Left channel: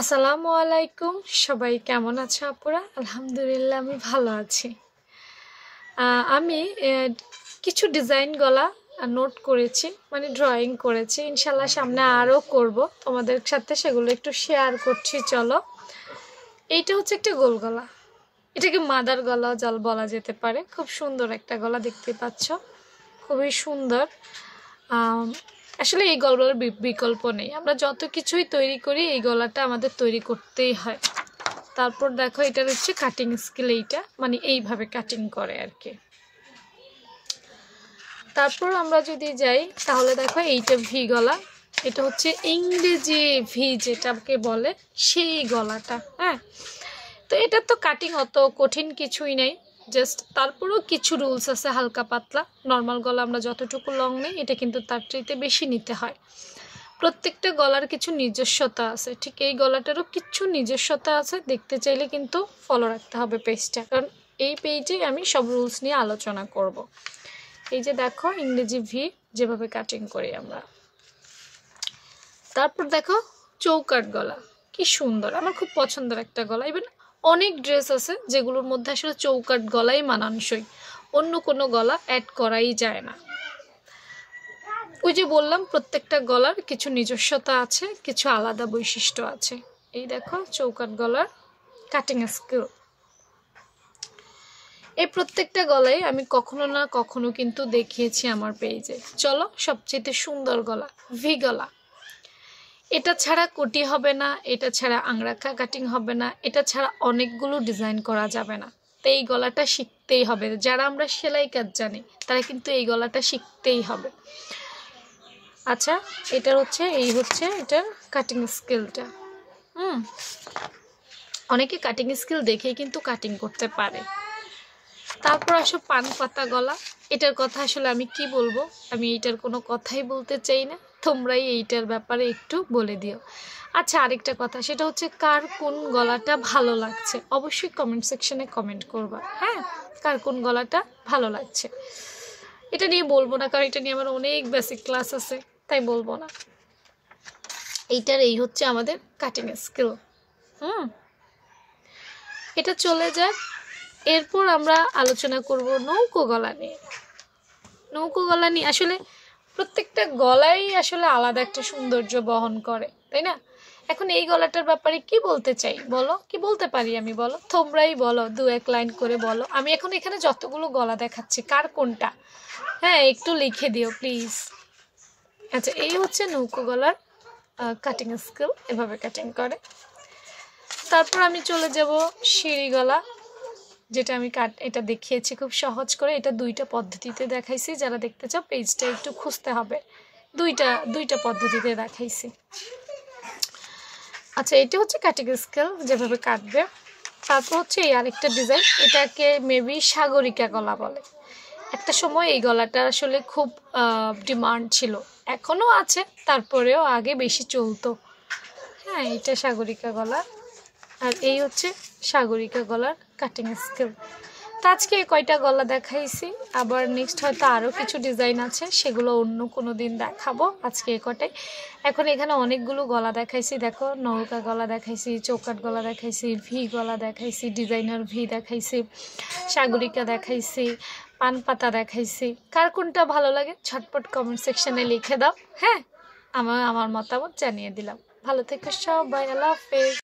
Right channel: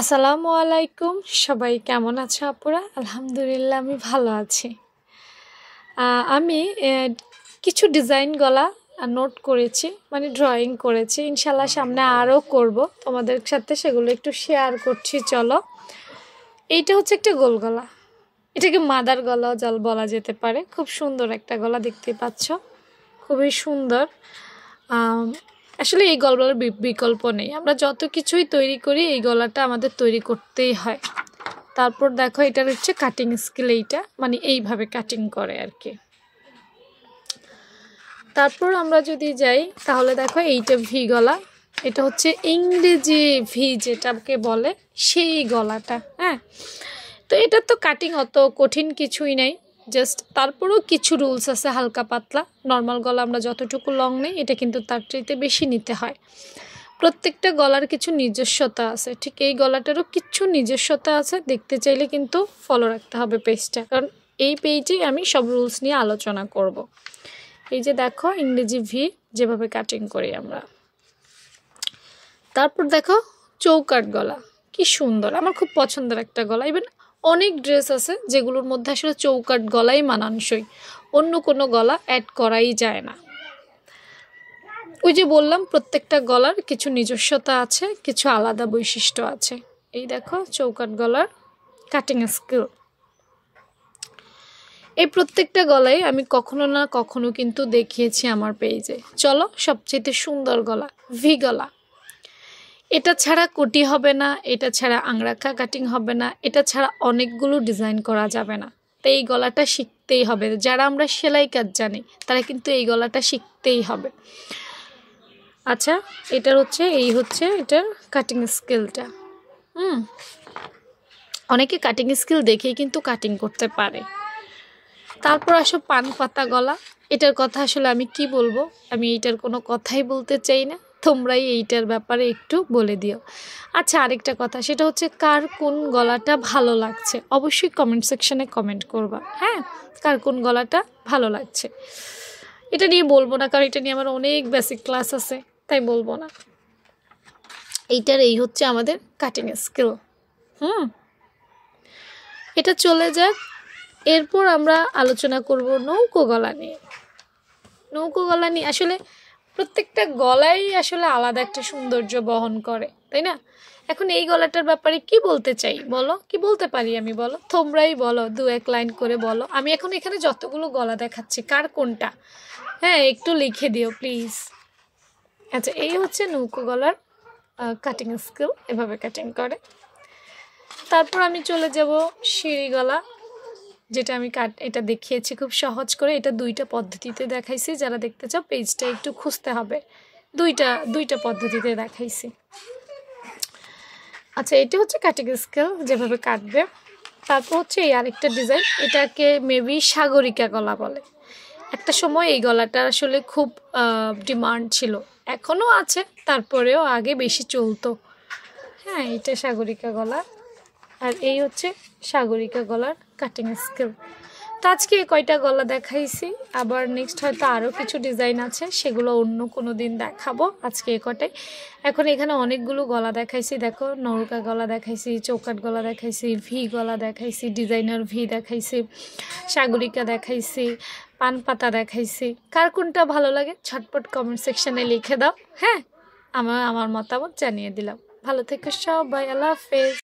আসসালামু আলাইকুম, সবাই কেমন আছো আপুরা? আলহামদুলিল্লাহ আমি ভালো আছি। আমি কিছু ডিজাইন গলা নোট করেছি, মানে ড্রয়িং করেছি। ইনশাল্লাহ সামনে আরও করব, তোমাদের সাথে সেগুলো একটু শেয়ার করছি। চলো, এইটা হচ্ছে একটা গোল গলা, এটাকে মাদার গলা জল বলা যেতে পারে। খুব সুন্দর একটা গলা, দেখতে পাচ্ছ, খুবই সুন্দর। আসলে এই গলার বিকল্প নেই, আমরা যত কিছুই তৈরি করি এই গলাটা আমাদের তৈরি করতেই হয়। তারপর দেখো, এটার হচ্ছে কাটিং স্কিল, এইটা মানে এইভাবে কাটিং করে আর কি। তারপর আমরা যদি যাই তাহলে দেখো, এইটা ভি গলা, এটা হচ্ছে ইংরেজি ভি যেটাকে বলে সেই গলাটা। হ্যাঁ, তো এটা তো কাটিং অত কঠিন কিছুই নেই, জাস্ট তারপরেও কিছু রুলস আছে হালকা পাতলা। নর্মাল গলা আমরা যতটুকু লং নেই, এটা কিন্তু তার চাইতে বেশি নিতে হয়। প্রত্যেকটা গলার কিছু নিজস্বতা আছে, ঠিক এই গলাটারও কিছু নিজস্বতা আছে। দেখতে চাইলে কিন্তু ফলো রাখতে হবে পেজটা, কারণ এই পেজে আমি সব রুলস নিয়ে আলোচনা করব। এই যে দেখো, ইংরেজি ভি যেভাবে কাটিং করি আমরা। তারপর দেখো চৌকাট গলা, কি সুন্দর, আমার খুব পছন্দের একটা গলা। ইভেন অনেক ড্রেস আছে যেগুলোর মধ্যে আসলে চৌকাট গলাই মানানসই, অন্য কোনো গলা অ্যাড করাই যায় না। ওই যে বললাম, প্রত্যেকটা গলার কিছু নিজস্বতা আছে, কিছু আলাদা বৈশিষ্ট্য আছে। এই দেখো চৌকাট গলার কাটিং স্কিল। এই প্রত্যেকটা গলায় আমি কখনো না কখনো কিন্তু দেখিয়েছি আমার পেজে। চলো, সবচেয়ে সুন্দর গলা ভি গলা। এটা ছাড়া কোটি হবে না, এটা ছাড়া আংরাখা কাটিং হবে না, এটা ছাড়া অনেকগুলো ডিজাইন করা যাবে না। তো এই গলাটা শিখতেই হবে, যারা আমরা সেলাই কাজ জানি তারা কিন্তু এই গলাটা শিখতেই হবে। আচ্ছা, এটার হচ্ছে এটার কাটিং স্কিলটা। অনেকে কাটিং স্কিল দেখেই কিন্তু কাটিং করতে পারে। তারপর আসো পান পাতা গলা। এটার কথা আসলে আমি কি বলবো, আমি এইটার কোনো কথাই বলতে চাই না, তোমরাই এইটার ব্যাপারে একটু বলে দিও। আচ্ছা, আরেকটা কথা, সেটা হচ্ছে কার কোন গলাটা ভালো লাগছে অবশ্যই কমেন্ট সেকশনে কমেন্ট করবা। হ্যাঁ, কার কোন গলাটা ভালো লাগছে এটা নিয়ে বলবো না, কারণ এটা নিয়ে আমার অনেক বেসিক ক্লাস আছে, তাই বলবো না। এইটার এই হচ্ছে আমাদের কাটিং স্কিল। এটা চলে যাক। এরপর আমরা আলোচনা করব নৌকো গলা নিয়ে। নৌকো গলা নিয়ে আসলে প্রত্যেকটা গলাই আসলে আলাদা একটা সৌন্দর্য বহন করে, তাই না? এখন এই গলাটার ব্যাপারে কি বলতে চাই বলো, কি বলতে পারি আমি বলো, তোমরাই বলো, দু এক লাইন করে বলো। আমি এখন এখানে যতগুলো গলা দেখাচ্ছি কার কোনটা, হ্যাঁ একটু লিখে দিও প্লিজ। আচ্ছা, এই হচ্ছে নৌকো গলার কাটিং স্কিল, এভাবে কাটিং করে। তারপর আমি চলে যাব সিঁড়ি গলা, যেটা আমি এটা দেখিয়েছি খুব সহজ করে। এটা দুইটা পদ্ধতিতে দেখাইছি, যারা দেখতে চাও পেজটা একটু খুঁজতে হবে। দুইটা পদ্ধতিতে দেখাইছি। আচ্ছা, এটা হচ্ছে কাটিং স্কেল, যেভাবে কাটবে। তারপর হচ্ছে এই আরেকটা ডিজাইন, এটাকে মেবি সাগরিকা গলা বলে। একটা সময় এই গলাটা আসলে খুব ডিমান্ড ছিল, এখনও আছে, তারপরেও আগে বেশি চলতো। হ্যাঁ, এটা সাগরিকা গলা, আর এই হচ্ছে সাগরিকা গলার কাটিং স্কিল। তো আজকে কয়টা গলা দেখাইছি, আবার নেক্সট হয়তো আরও কিছু ডিজাইন আছে, সেগুলো অন্য কোনো দিন দেখাবো। আজকে কটাই, এখন এখানে অনেকগুলো গলা দেখাইছি। দেখো, নৌকা গলা দেখাইছি, চৌকাট গলা দেখাইছি, ভি গলা দেখাইছি, ডিজাইনার ভি দেখাইছি, সাগরিকা দেখাইছি, পান পাতা দেখাইছি। কার কোনটা ভালো লাগে ঝটপট কমেন্ট সেকশনে লিখে দাও। হ্যাঁ, আমার মতামত জানিয়ে দিলাম। ভালো থেকো সবাই, আল্লাহ হাফেজ।